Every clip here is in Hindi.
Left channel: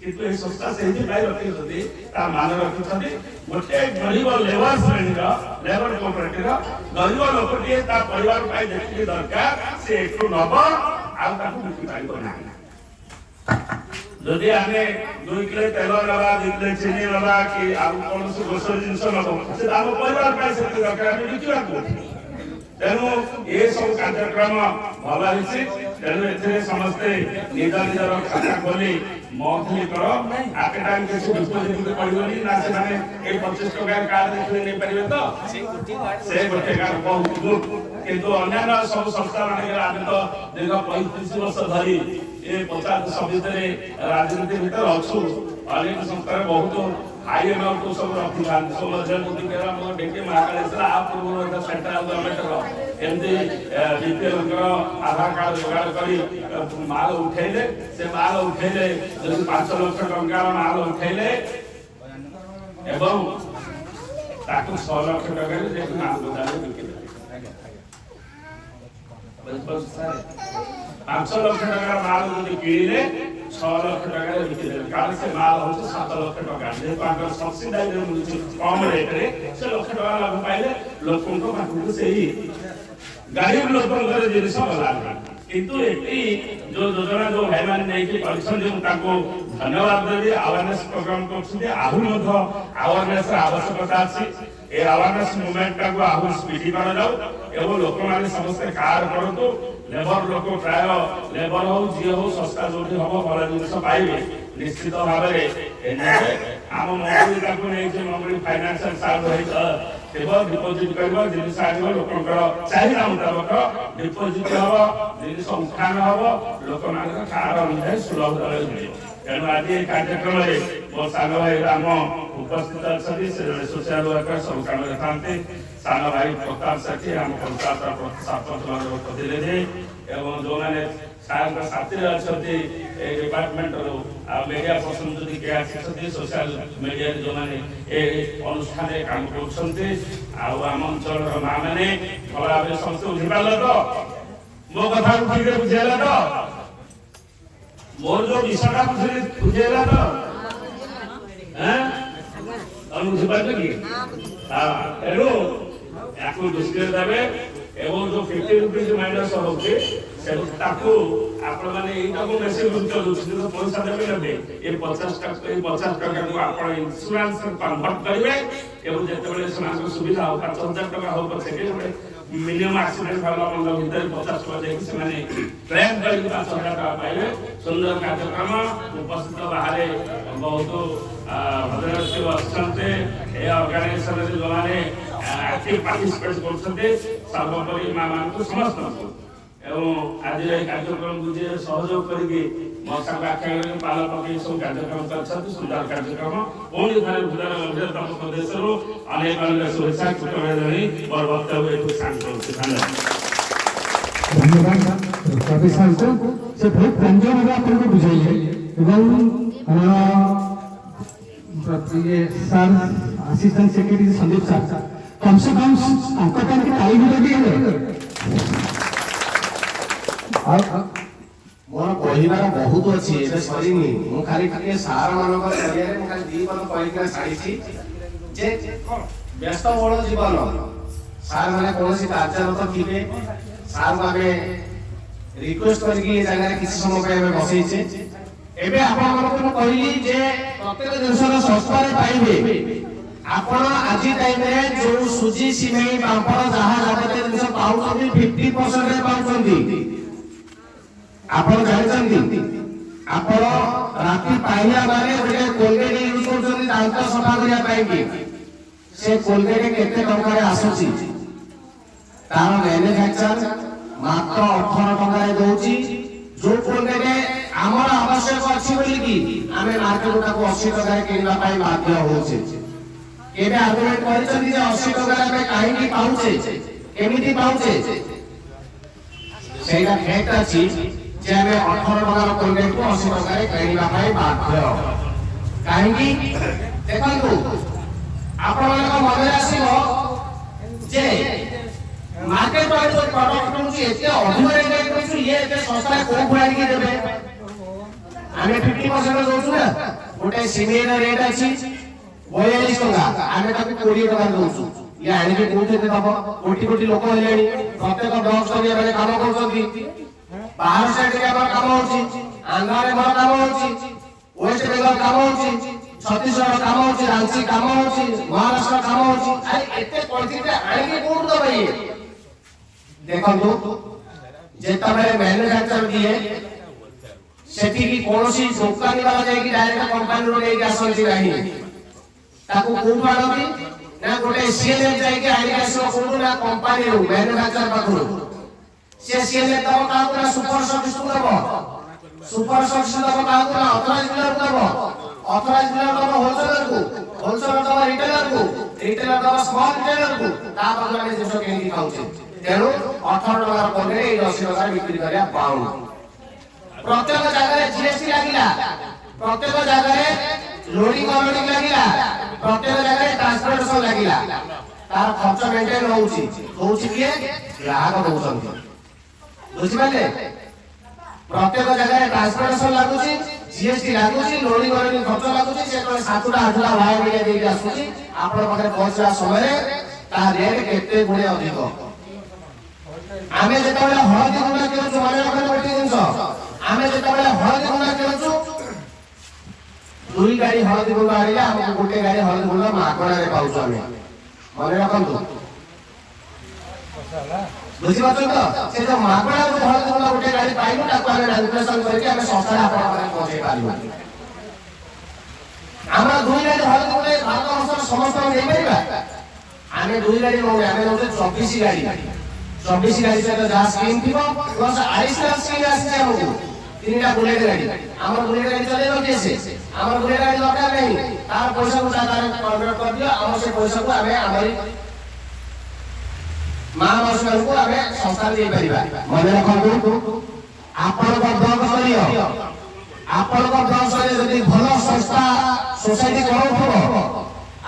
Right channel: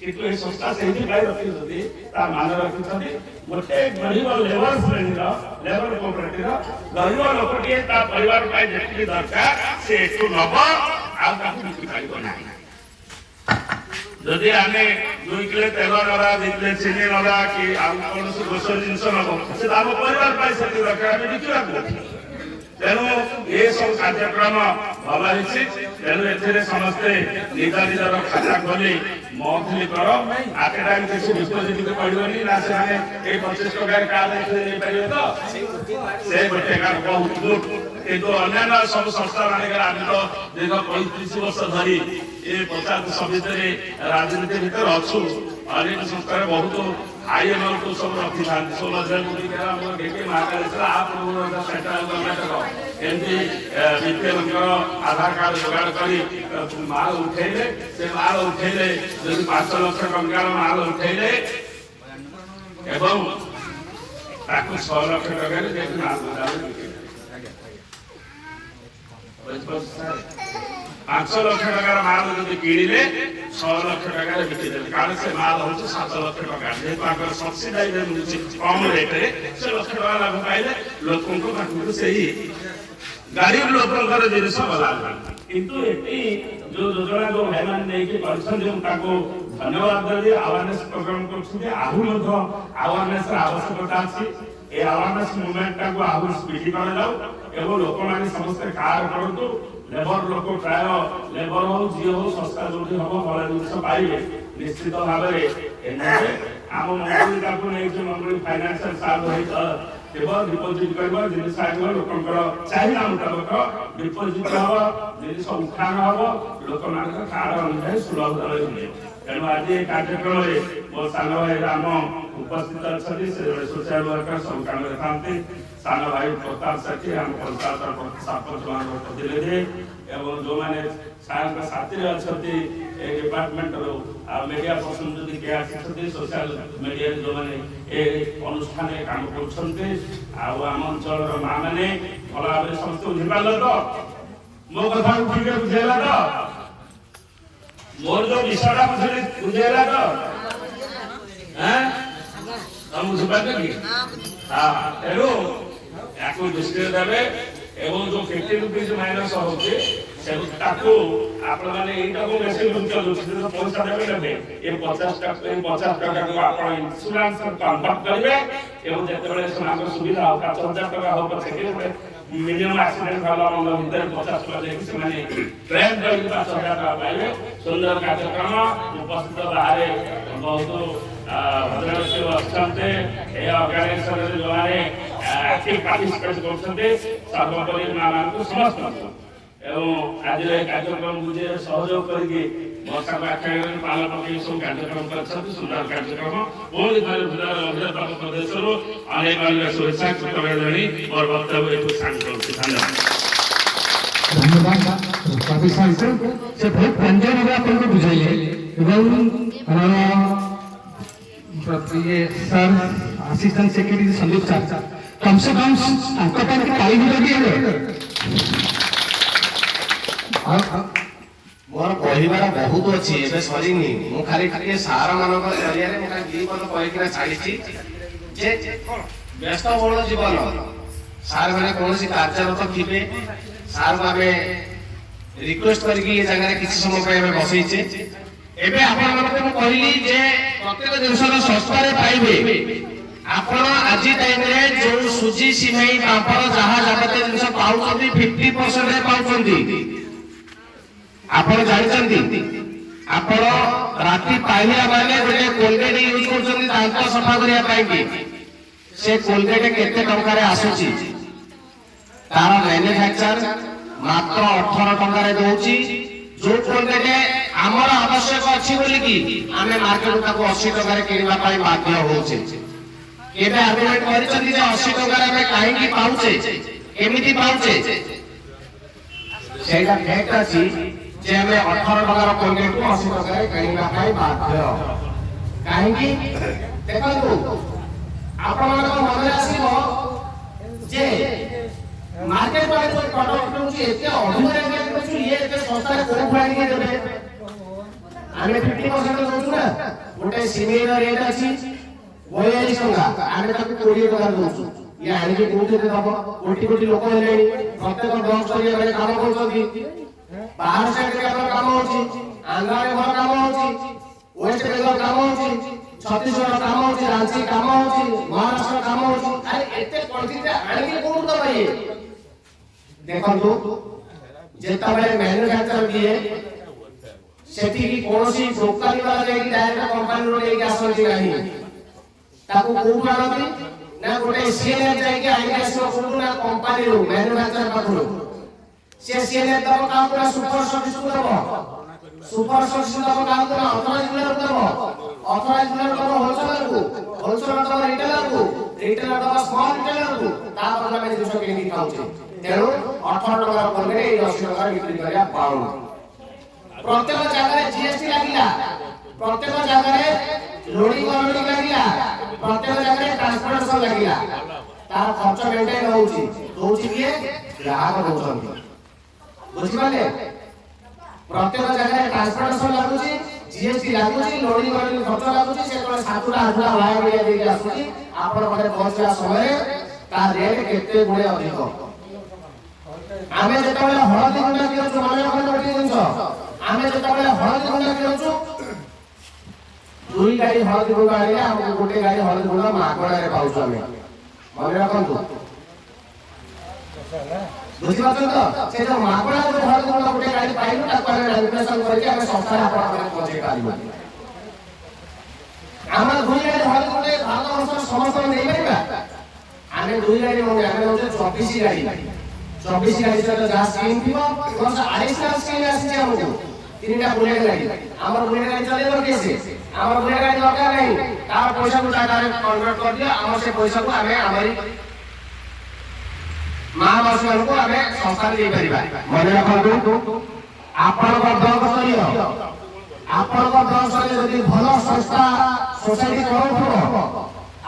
କିନ୍ତୁ ଏ ସଂସ୍ଥା ସେଇଥିପାଇଁ ରଖିଛନ୍ତି ତା ମାନ ରଖିଛନ୍ତି ଗୋଟେ ଗରିବ ଲେବର ଶ୍ରେଣୀର ଲେବର କୋପରେଟିଭର ଗରିବ ଲୋକଟିଏ ତା ପରିବାର ପାଇଁ ଯେତିକି ଦରକାର ସେ ଏଠୁ ନବ ଆଉ ତାକୁ ବିକି ପାରିବ ନାହିଁ। ଯଦି ଆମେ 2 କିଲୋ ତେଲ ନବା 2 କିଲୋ ଚିନି ନବା କି ଆଉ କୌଣସି ଗ୍ରୋସରୀ ଜିନିଷ ନବ ସେ ଆମ ପରିବାର ପାଇଁ ସେତିକି ଦରକାର ଆମେ ବିକିବାକୁ। ତେଣୁ ଏ ସବୁ କାର୍ଯ୍ୟକ୍ରମ ଭଲ ହେଇଛି। ତେଣୁ ଏଥିରେ ସମସ୍ତେ ନିଜ ନିଜର ଖାତା ଖୋଲି ମନ୍ଥଲି କର ଆଟ ଏ ଟାଇମ୍ କିଛି ଡିପୋଜିଟ୍ କରିବନି ନା ସେମାନେ ଏଇ 25 ଟଙ୍କାର କାର୍ଡ ନେଇପାରିବେ ତ ସେ ଗୋଟେ କାର୍ଡ ବହୁତ ଗୁଡ୍। କିନ୍ତୁ ଅନ୍ୟାନ୍ୟ ସବୁ ସଂସ୍ଥା ମାନଙ୍କରେ ଆମେ ତ ଦୀର୍ଘ 35 ବର୍ଷ ଧରି ଏ 50 ଭିତରେ ରାଜନୀତି ଭିତରେ ଅଛୁ। ଅନେକ ସଂସ୍ଥାରେ ବହୁତ ହାଇ ଆମାଉଣ୍ଟ ସବୁ ରଖିଥାନ୍ତି ସବୁ ମଧ୍ୟ ଆମର ଡେକେ ମହାକାଳେଶ୍ୱର ଆ ପୂର୍ବରୁ ସେଣ୍ଟ୍ରାଲ ଗଭର୍ଣ୍ଣମେଣ୍ଟର ଏମିତି ବିପିଏଲଙ୍କର ଆଧାର କାର୍ଡ ଯୋଗାଡ଼ କରି ମାଲ ଉଠେଇଲେ ସେ ମାଲ ଉଠେଇଲେ ଯଦି 5 ଲକ୍ଷ ଟଙ୍କାର ମାଲ ଉଠେଇଲେ ଏବଂ ତାକୁ 6 ଲକ୍ଷ ଟଙ୍କାରେ ଯାଇକି ମାଲ ଗୋଦାମରେ ବିକିଲେ। 5 ଲକ୍ଷ ଟଙ୍କାର ମାଲ ଯଦି କିଣିଲେ 6 ଲକ୍ଷ ଟଙ୍କାରେ ବିକିଦେଲେ କାରଣ ସେ ମାଲ ହଉଛି 7 ଲକ୍ଷ ଟଙ୍କା ଯେହେତୁ ଆମର ସବସିଡାଇରେ ମିଳୁଛି କମ ରେଟରେ ସେ ଲକ୍ଷ ଟଙ୍କା ଲାଭ ପାଇଲେ ଲୋକଙ୍କ ପାଖକୁ ସେଇ ଗରିବ ଲୋକଙ୍କର ଜିନିଷ ଗଲା। କିନ୍ତୁ ଏଠି ଯୋଉ ଯୋଜନା ଯୋଉ ଭାଇମାନେ ନେଇକି କରିଛନ୍ତି ମୁଁ ତାଙ୍କୁ ଧନ୍ୟବାଦ ଦେବି। ଆୱାରନେସ୍ ପ୍ରୋଗ୍ରାମ କରୁଛନ୍ତି ଆହୁରି ମଧ୍ୟ ଆୱାରନେସ୍ ଆବଶ୍ୟକତା ଅଛି। ଏ ଆୱାରନେସ୍ ମୁଭମେଣ୍ଟଟାକୁ ଆହୁରି ସ୍ପିଡି କରାଯାଉ ଏବଂ ଲୋକମାନେ ସମସ୍ତେ କାର୍ କରନ୍ତୁ। ଲେବର ଲୋକ ପ୍ରାୟ ଲେବର ହଉ ଝିଅ ହଉ ଶସ୍ତା ଯୋଉଠି ହବ ଭଲ ଜିନିଷ ପାଇବେ ନିଶ୍ଚିତ ଭାବରେ ଆମ ମଙ୍ଗୁଳି ତାକୁ ନେଇକି ମଙ୍ଗୁଳି ଫାଇନାନ୍ସିଆଲ ସହିତ କେବଳ ଡିପୋଜିଟ୍ କରିବ ଜିନିଷ ଆଣିବ ଲୋକଙ୍କର ଚାହିଦା ମୁତାବକ ଡିପୋଜିଟ୍ ହବ ଜିନିଷ ଉଠାଣ ହବ ଲୋକମାନଙ୍କ କାର୍ଡ ଅନୁଯାୟୀ ସୁଲଭ ଦରରେ ମିଳିବ। ତେଣୁ ଆଜି ଏ କାର୍ଯ୍ୟକ୍ରମରେ ମୋ ସାନ ଭାଇ ରାମ ଉପସ୍ଥିତ ଅଛନ୍ତି। ସେ ଜଣେ ସୋସିଆଲ ୱାର୍କର ସବୁ କାମରେ ଥାନ୍ତି। ସାନ ଭାଇ ପ୍ରତାପ ସେଠୀ ଆମ ପଞ୍ଚାୟତ ସରପଞ୍ଚ ମାନଙ୍କ ପ୍ରତିନିଧି ଏବଂ ଯୋଉମାନେ ସାରଙ୍କ ସାଥିରେ ଅଛନ୍ତି ଏ ଡିପାର୍ଟମେଣ୍ଟରୁ ଆଉ ମିଡିଆ ପର୍ସନ ଯଦି କିଏ ଆସିଛନ୍ତି ସୋସିଆଲ ମିଡିଆରେ ଯୋଉମାନେ ଏ ଅନୁଷ୍ଠାନରେ କାମ କରୁଛନ୍ତି ଆଉ ଆମ ଅଞ୍ଚଳର ମା ମାନେ ଭଲ ଭାବରେ ସମସ୍ତେ ବୁଝିପାରିଲେ ତ ମୋ କଥାକୁ ଠିକ ବୁଝେଇଲା ତ ମୋର ଯୋଉ ବିଷୟଟା ବୁଝେଇଲା ତ ବୁଝିପାରିଲେ କି ତେଣୁ ୟାକୁ ଦୃଷ୍ଟିରେ ଦେବେ ଏବଂ ଯୋଉ 50 ରୁପିଜ ମାଇନସ ହଉଛି ତାକୁ ଆପଣମାନେ ଏଇଟାକୁ ବେଶୀ ଗୁରୁତ୍ୱ ଦଉଛନ୍ତି ପଇସା ଦେବେ ନେବେ ଏ 50 ଟଙ୍କାକୁ ଆପଣ ଇନ୍ସୁରାନ୍ସ କନଭର୍ଟ କରିବେ ଏବଂ ଯେତେବେଳେ ସେମାନଙ୍କ ସୁବିଧା ହଉ 5,000 ଟଙ୍କା ହଉ ପଛେ ମିନିମମ୍ ଆକ୍ସିଡେଣ୍ଟ ଭଲ ମନ୍ଦ ଭିତରେ 50 ଟଙ୍କା ଦେଇକି ସେମାନେ କ୍ଲେମ୍ କରିକି 5,000 ଟଙ୍କା ପାଇବେ। ସୁନ୍ଦର କାର୍ଯ୍ୟକ୍ରମ ଉପସ୍ଥିତ ବାହାରେ ବହୁତ ଭଦ୍ରବ୍ୟକ୍ତି ଅଛନ୍ତି ଏ ଅର୍ଗାନାଇଜେସନରେ ଯୋଉମାନେ ଆକ୍ଟିଭ ପାର୍ଟିସିପେଟ୍ କରୁଛନ୍ତି ସର୍ବୋପରି ମା ମାନଙ୍କୁ ସମସ୍ତଙ୍କୁ ଏବଂ ଆଜିର ଏହି କାର୍ଯ୍ୟକ୍ରମକୁ ଯିଏ ସହଯୋଗ କରିକି ବର୍ଷାକୁ ଆଖ୍ୟା ପାଳ ପକେଇ ସବୁ କାର୍ଯ୍ୟକ୍ରମ କରିଛନ୍ତି ସୁନ୍ଦର କାର୍ଯ୍ୟକ୍ରମ ପୁଣି ଥରେ ତମ ପ୍ରଦେଶରୁ ଅନେକ ଅନେକ ଶୁଭେଚ୍ଛା କୃତଜ୍ଞତା ଜଣାଇ ମୋର ବକ୍ତବ୍ୟ ଏଠୁ ସାଙ୍ଗ କରୁଛି। ଧନ୍ୟବାଦ। ସେ ବହୁତ ବ୍ୟଞ୍ଜନ ଭାବେ ଆପଣଙ୍କୁ ବୁଝାଇଲେ ଏବଂ sir assistant secretary Sandeep sir कम से कम तांको पर ताली भी दिए मोर कहबार बहुत अच्छी एबे सरीनी मु खाली खाली सार मानक जरिया मु खाली दी बन कहि के छाड़ीची जे व्यस्त बहुल जीवन सार माने कोनोसी कार्यरत थिबे सार भाबे रिक्वेस्ट करके ए जगह किसी समय पे बसैछे एबे आपण मानक मु कहली जे प्रत्येक जिंस सस्ता रे पाइबे आपण आज टाइम रे जो सुजी सिमेई पापड़ जहा जगते जिंस पाउछंती 50% रे पाउछंती आपण जानचंती आपण राती पाइया माने गोटे कोलगेट यूज करछंती दांत सफा करिया पाई की से कोलगेट केते टंका रे आसुची तार मैन्युफैक्चर मात्र 18 टंका रे दोची जो कोलगेट हमर आवश्यक अछि बोली की हमें मार्केट ताको 80 टंका रे किनबा पाई बाध्य होछे केबे आर्गुमेंट करछंती जे 80 टंका रे हमें काहे की पाउछे केमिति पाउछे सेटा फैक्ट अछि जे हमें 18 टंका रो कोलगेट को 80 टंका रे किनबा पाई बाध्य काहे की देखंतु आपण मानक मन आसीबो जे मार्केट वाले जो प्रोडक्ट को एते अधिक रेट में ये एते सस्ता रे कोन खुआनी के देबे आमे 50% दउछु ना गोटे सिमेर रेट अछि 42 टका आमे ताकू 20 टका दउछु या आने के कोते दब कोटी कोटी लोक हेलेनी प्रत्येक ब्लॉक स्तरीय रे काम करछथि बाहर साइड रे हमर काम होछि आंध्रा रे हमर काम होछि वेस्ट बेंगल काम होछि छत्तीसगढ़ काम होछि रांची काम होछि महाराष्ट्र काम होछि अरे एते क्वांटिटी आने के कोन दब ये देखंतु जेता बेले मैन्युफैक्चर किए सेठी की कोनोसी दुकानी वाला जाय कि डायरेक्ट कंपनी रो लेके आसंती नाही ताकू कोन आनती ना गोटे सीएलएफ जाय कि आइले आसो कोन ना कंपनी रो मैन्युफैक्चर पाखु से सीएलएफ दब का पूरा सुपर सर्विस दब सुपर सर्विस दब का पूरा ऑथराइज डीलर दब ऑथराइज डीलर दब होलसेलर दब रिटेलर दब स्मॉल रिटेलर को ता बदला में जिसो केंदी खाउछे तेरो 18 टका कोने ए 80 टका बिक्री करिया पाउंड प्रत्येक जगह जीएसटी लागिला प्रत्येक जगह लोडिंग अनलोडिंग लागिला प्रत्येक जगह ट्रांसपोर्टेशन लागिला तार खर्च मेंटेन होउची किए ग्राहक दोउछन बुझि पाले प्रत्येक जगह ट्रांसपोर्टेशन लागुची जीएसटी लागुची लोडिंग अनलोडिंग खर्च लागुची से तो सातुरा आठुरा वाया मिडिया देके आसुची आपण पाखे पहुंचला समय ता रेट केते गुणे अधिक आमे जेतबेला हळदी गुंडा केलु माने रखन गोटे जिंस आमे जेतबेला हळदी गुंडा केलु दुई गाड़ी हळदी गुंडा आनिला हमको गोटे गाड़ी हळदी गुंडा मागणा रे पाउछ आमे माने रखंतु बुझि पाछन तो से जो मागणा रो हळदी गुंडा गोटे गाड़ी पाइलु ताको आमे रेजिस्ट्रेशन करके आमे संस्था आपण पाखे पहुंचै पारिबो हमरा दुई गाड़ी हळदी गुंडा भारत वर्ष समस्त नै परिबा आमे दुई गाड़ी नै आमे होते 24 गाड़ी 24 गाड़ी से जा scheme Thibaut plus additional scheme आसी हमको तीनटा बुलेट गाड़ी हमर बुलेट गाड़ी चलेबो कैसे हमर बुलेट गाड़ी दरकार नहीं तार पैसा को टाका रे कन्वर्ट कर दिया हमर से पैसा को हमें हमारी महावासी को हमें संस्था दे परिबा मन रखंतु आपण को ब्लॉक स्तरीय आपण को ब्लॉक स्तरीय यदि भलो संस्था सोसाइटी करो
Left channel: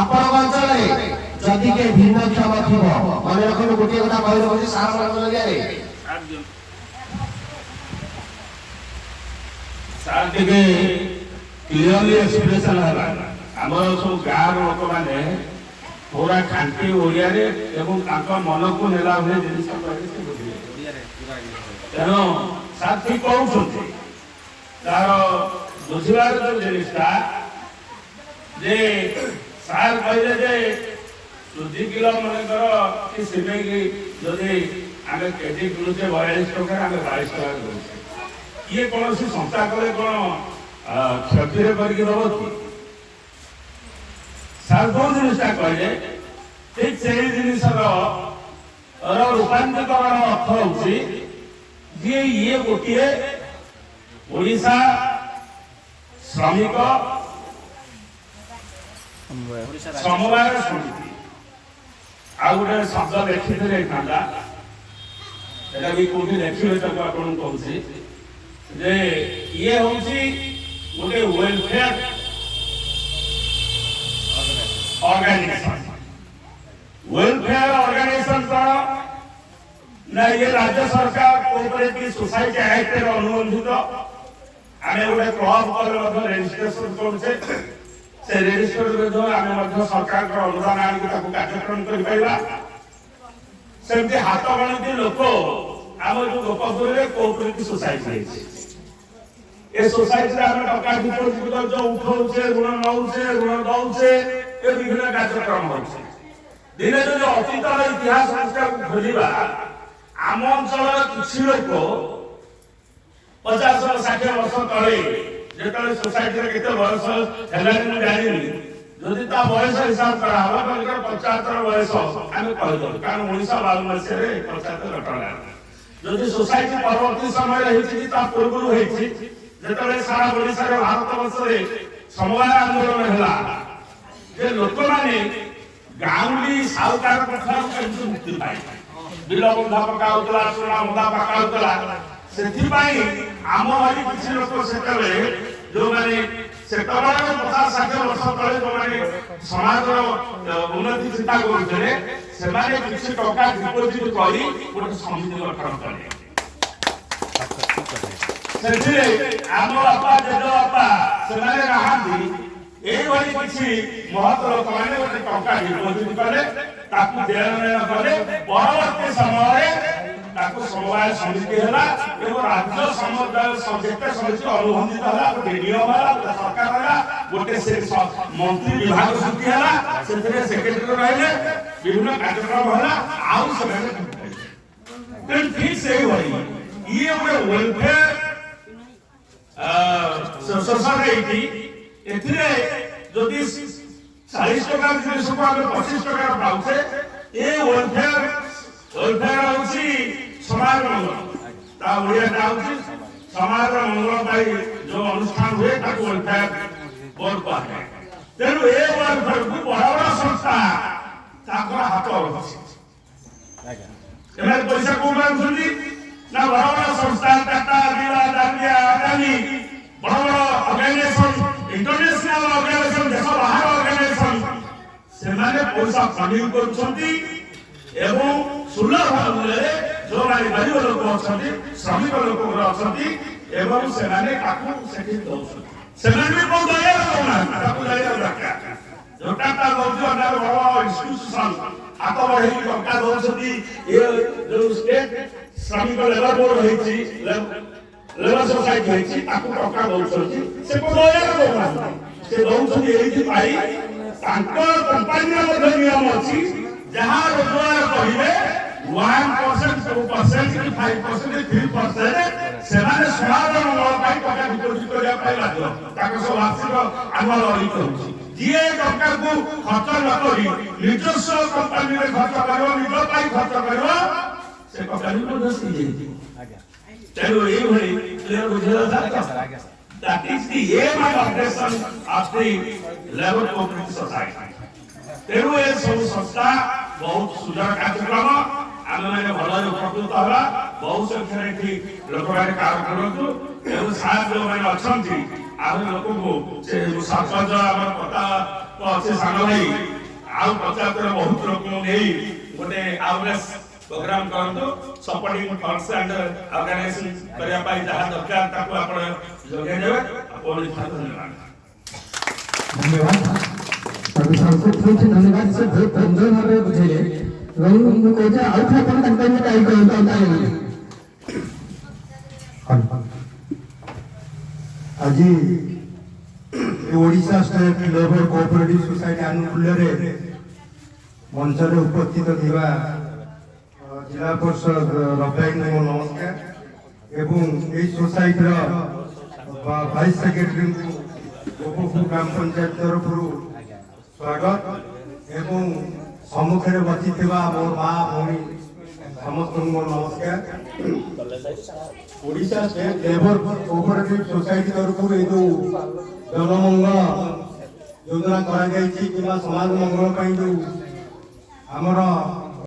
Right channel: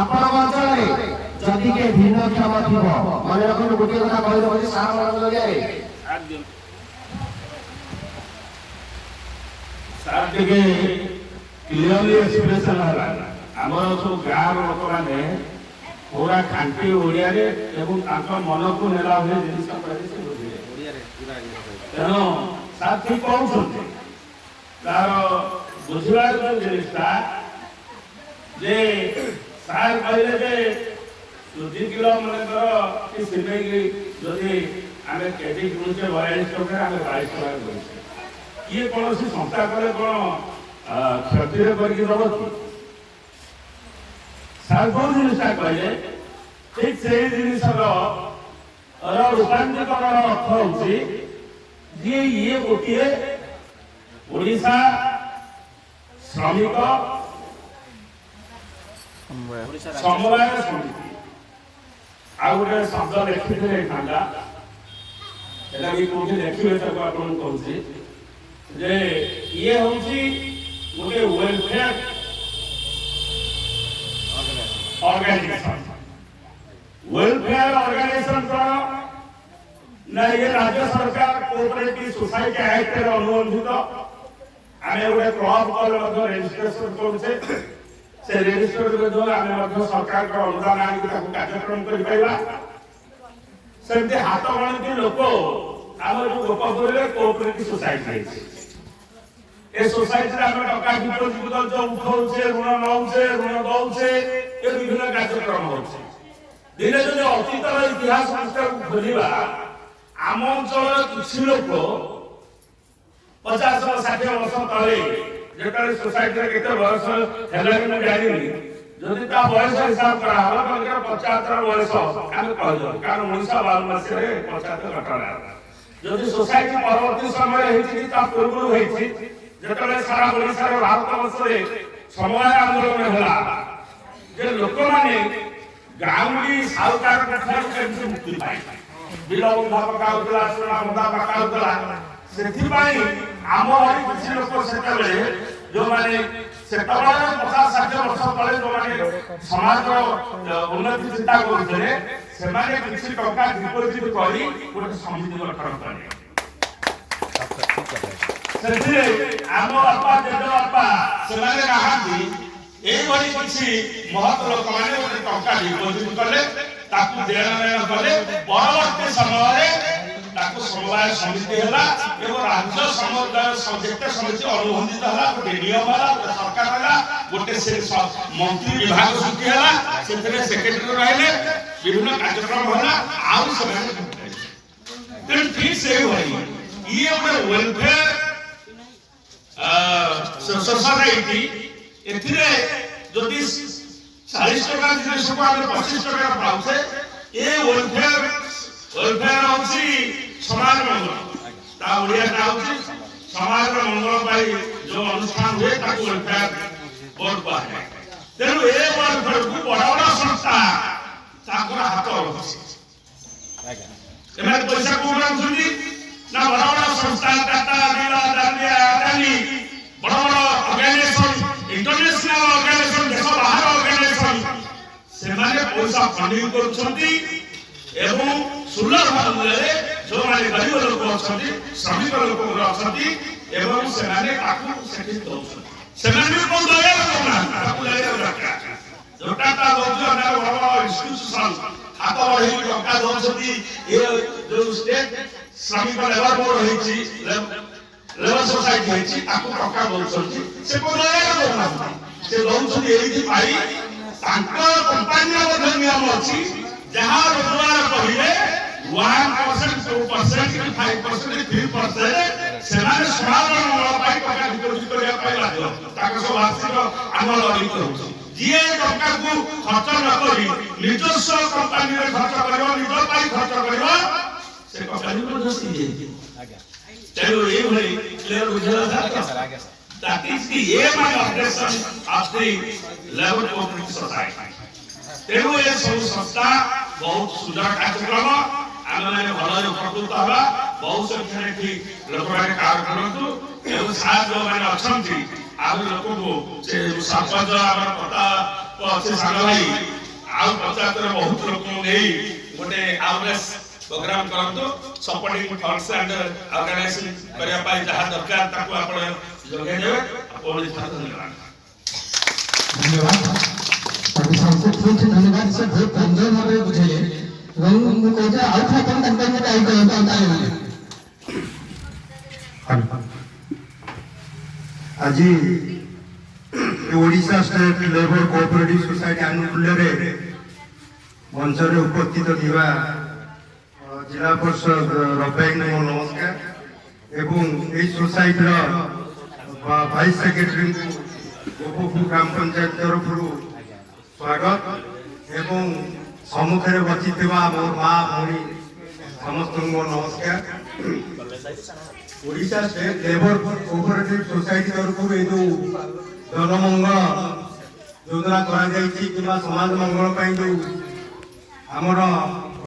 आपण अंचल रे जदि के भिन्न क्षमा थिबो मन रखंतु गोटे कथा कहि दबो जे सारा मन जरिया रे सार देखे क्लियरली एक्सप्रेशन हला हमर सब गाँव लोक माने पूरा खांटी ओडिया रे एवं तांका मन को नेला भले जिनिस कहले से बुझिले ओडिया रे पूरा तेनो सार ठीक कहउछथि तार बुझिबार जो जिनिसटा जे सार कहले जे 2 किलो मन करो कि सिमेई की जदि आमे केजी किनुचे 42 टका आमे 22 टका किनुचे ये कौन सी संस्था कले कौन क्षति करके दब कि सार जो जिनिसटा कहले ठीक से जिनिसर रूपांतरीकरण अर्थ होची जे ये गोटे ओडिशा श्रमिक समवाय समिति आ गोटे शब्द लिखिले खांदा एटा भी कोठी लिखिले तक आपण कहूची जे ये होची गोटे वेलफेयर ऑर्गेनाइजेशन करो ना ये राज्य सरकार कोऑपरेटिव सोसाइटी एक्ट रे अनुबंधित आमे गोटे क्लब पर रजिस्ट्रेशन करूचे से रजिस्टर विरुद्ध आमे मध्य सरकार को अनुदान आनि ताको कार्यक्रम करि पाइबा सेमते हाथ गणित लोक आम जो गोपालपुर रे कोऑपरेटिव सोसाइटी है ए सोसाइटी रे आमे टका डिपोजिट जो उठाउछे ऋण नउछे ऋण दउछे ए विभिन्न कार्यक्रम होछे दिने जो अतीत इतिहास संस्कार खोजिबा आम अंचल कृषि लोक 50-60 वर्ष तले जेतले सोसाइटी रे केते वर्ष हेलानी न जानिनी जदि ता बयस हिसाब करा हला बलकर 75 बयस आमे कह दो कारण 1952 मसिया रे 75 घटना जदि सोसाइटी परवर्ती समय रहिछि कि ता पूर्व होइछि जेतले सारा ओडिसा रे भारत वर्ष रे समवाय आंदोलन हला जे लोक माने गाउली साउकार कथा केमति मुक्ति पाइ बिल बंधा पका उतला सोना बंधा पका उतला सेथि पाइ आम हरि किछि लोक सेतले जो माने सेतबा 50-60 वर्ष तले जो माने समाज उन्नति चिंता करथले से माने किछि टका डिपोजिट करी गोटे समिति गठन करले ସେଥିରେ ଆମ ବାପା ଜେଜ ବାପା ସେମାନେ ନାହାନ୍ତି ଏଇଭଳି କିଛି ମହତ ଲୋକମାନେ ଗୋଟେ ଟଙ୍କା ଡିପୋଜିଟ୍ କଲେ ତାକୁ ଦେଣ ନେଣ କଲେ ପରବର୍ତ୍ତୀ ସମୟରେ ତାକୁ ସମବାୟ ସମିତି ହେଲା ଏବଂ ରାଜ୍ୟ ସମୁଦାୟ ଯେତେ ସମିତି ଅନୁବନ୍ଧିତ ହେଲା ଗୋଟେ ନିୟମ ହେଲା ଗୋଟେ ସରକାର ହେଲା ଗୋଟେ ସେ ମନ୍ତ୍ରୀ ବିଭାଗ ସୃଷ୍ଟି ହେଲା ସେଥିରେ ସେକ୍ରେଟାରୀ ରହିଲେ ବିଭିନ୍ନ କାର୍ଯ୍ୟକ୍ରମ ହେଲା ଆଉ ସେମାନେ ତେଣୁ ଠିକ୍ ସେଇଭଳି ଇଏ ଗୋଟେ ୱେଲଫେୟାର ସୋସାଇଟି ଏଥିରେ ଯଦି 40 ଟଙ୍କା ଜିନିଷକୁ ଆମେ 25 ଟଙ୍କାର ପାଉଛେ ଏ ୱେଲଫେୟାର ହଉଛି ସମାଜ ମଙ୍ଗଳ ତା ଓଡ଼ିଆଟା ହଉଛି ସମାଜର ମଙ୍ଗଳ ପାଇଁ ଯୋଉ ଅନୁଷ୍ଠାନ ହୁଏ ତାକୁ ୱେଲଫେୟାର ବୋର୍ଡ କୁହାଯାଏ ତେଣୁ ଏ ୱେଲଫେୟାରକୁ ବଡ଼ ବଡ଼ ସଂସ୍ଥା ତାଙ୍କର ହାତ ରହୁଛି ଏମାନେ ପଇସା କୋଉଠୁ ଆଣୁଛନ୍ତି ନା ବଡ଼ ବଡ଼ ସଂସ୍ଥା ଟାଟା ବିର୍ଲା ଡାଲିଆ ଆଦାନୀ ବଡ଼ ବଡ଼ ଅର୍ଗାନାଇଜେସନ इंटरनेशनल ऑर्गेनाइजेशन देश बाहर ऑर्गेनाइजेशन ସେମାନେ ପଇସା ଫଣ୍ଡିଂ କରୁଛନ୍ତି ଏବଂ ସୁଲଭ ମୂଲ୍ୟରେ ଯେଉଁମାନେ ଗରିବ ଲୋକ ଅଛନ୍ତି ଶ୍ରମିକ ଲୋକ ଅଛନ୍ତି ଏବଂ ସେମାନେ ତାକୁ ସେଠି ଦେଉଛନ୍ତି ସେମାନେ ବି କଣ ଦୟାରେ ଦେଉନାହାନ୍ତି ତାକୁ ଦୟାରେ ଦରକାର ଯୋଉଟା ତା ଦଉଛି ଅନ୍ୟ ବଡ଼ ବଡ଼ ଇନଷ୍ଟିଟ୍ୟୁସନ ହାତ ବଢ଼େଇକି ଟଙ୍କା ଦେଉଛନ୍ତି ଏ ଯୋଉ ଷ୍ଟେଟ ଶ୍ରମିକ ଲେବର ବୋର୍ଡ ହେଇଛି ଲେବର ସୋସାଇଟି ହେଇଛି ତାକୁ ଟଙ୍କା ଦଉଛନ୍ତି ସେ କଣ ଦୟାରେ ଦେଉନାହାନ୍ତି ସେ ଦଉଛନ୍ତି ଏଇଥିପାଇଁ ତାଙ୍କ କମ୍ପାନୀର ମଧ୍ୟ ନିୟମ ଅଛି ଯାହା ରୋଜଗାର କରିବେ 1%, 2%, 5%, 3% ସେମାନେ ସମାଜର ମଙ୍ଗଳ ପାଇଁ ଟଙ୍କା ଡିପୋଜିଟ୍ କରିବା ପାଇଁ ବାଧ୍ୟ ତାଙ୍କ ସବୁ ବାର୍ଷିକ ଆନୁଆଲ ଅଡିଟ୍ ହେଉଛି ଯିଏ ଟଙ୍କାକୁ ଖର୍ଚ୍ଚ ନ କରି ନିଜସ୍ୱ କମ୍ପାନୀରେ ଖର୍ଚ୍ଚ କରିବ ନିଜ ପାଇଁ ଖର୍ଚ୍ଚ କରିବ ସେ କମ୍ପାନୀ ମଧ୍ୟ ସିଏ ତେଣୁ ଏଇଭଳି କ୍ଲିୟର ବୁଝିଲା that is the aim and operation of the labor cooperative society ତେଣୁ ଏ ସବୁ ସଂସ୍ଥା ବହୁତ ସୁନ୍ଦର କାର୍ଯ୍ୟକ୍ରମ ଆମେମାନେ ଭଲରେ ଉପକୃତ ହେବା ବହୁ ସଂଖ୍ୟାରେ ଏଠି ଲୋକମାନେ କାମ କରନ୍ତୁ ଏବଂ ସାର୍ ଯେଉଁମାନେ ଅଛନ୍ତି ଆଉ ଲୋକଙ୍କୁ ସେ ସରପଞ୍ଚ ଆମର ପ୍ରତାପ ଅଛି ସାଙ୍ଗ ଭାଇ ଆଉ ପଞ୍ଚାୟତର ବହୁତ ଲୋକଙ୍କୁ ନେଇ ଗୋଟେ ଆୱାରନେସ୍ प्रोग्राम करंतु सपोर्टिंग फंड्स एंड ऑर्गेनाइजेशन करिया पाई जहां दरकार ताको आपण जोगे देबे आपण धन्यवाद प्रोफेसर से बहुत धन्यवाद से बहुत सुंदर भाबे बुझेले ଏବଂ ମୁଁ କହୁଛି ଆଉ ଥରେ ଆପଣ ତାଙ୍କ ପାଇଁ ଟାଇପ କରନ୍ତୁ ଆଜି Odisha state labour cooperative society ଆନୁକୂଲ୍ୟରେ ମଞ୍ଚରେ ଉପସ୍ଥିତ ଥିବା जिला परिषद रफाई को नमस्कार एवं यही सोसाइटर वाइस सेक्रेटरी गोपपुर ग्राम पंचायत तरफ स्वागत एवं सम्मुखें बची मोर माँ भौणी समस्त नमस्कार Odisha state labour cooperative society तरफ जो जनमंगल योजना करा समाज मंगल जो आमर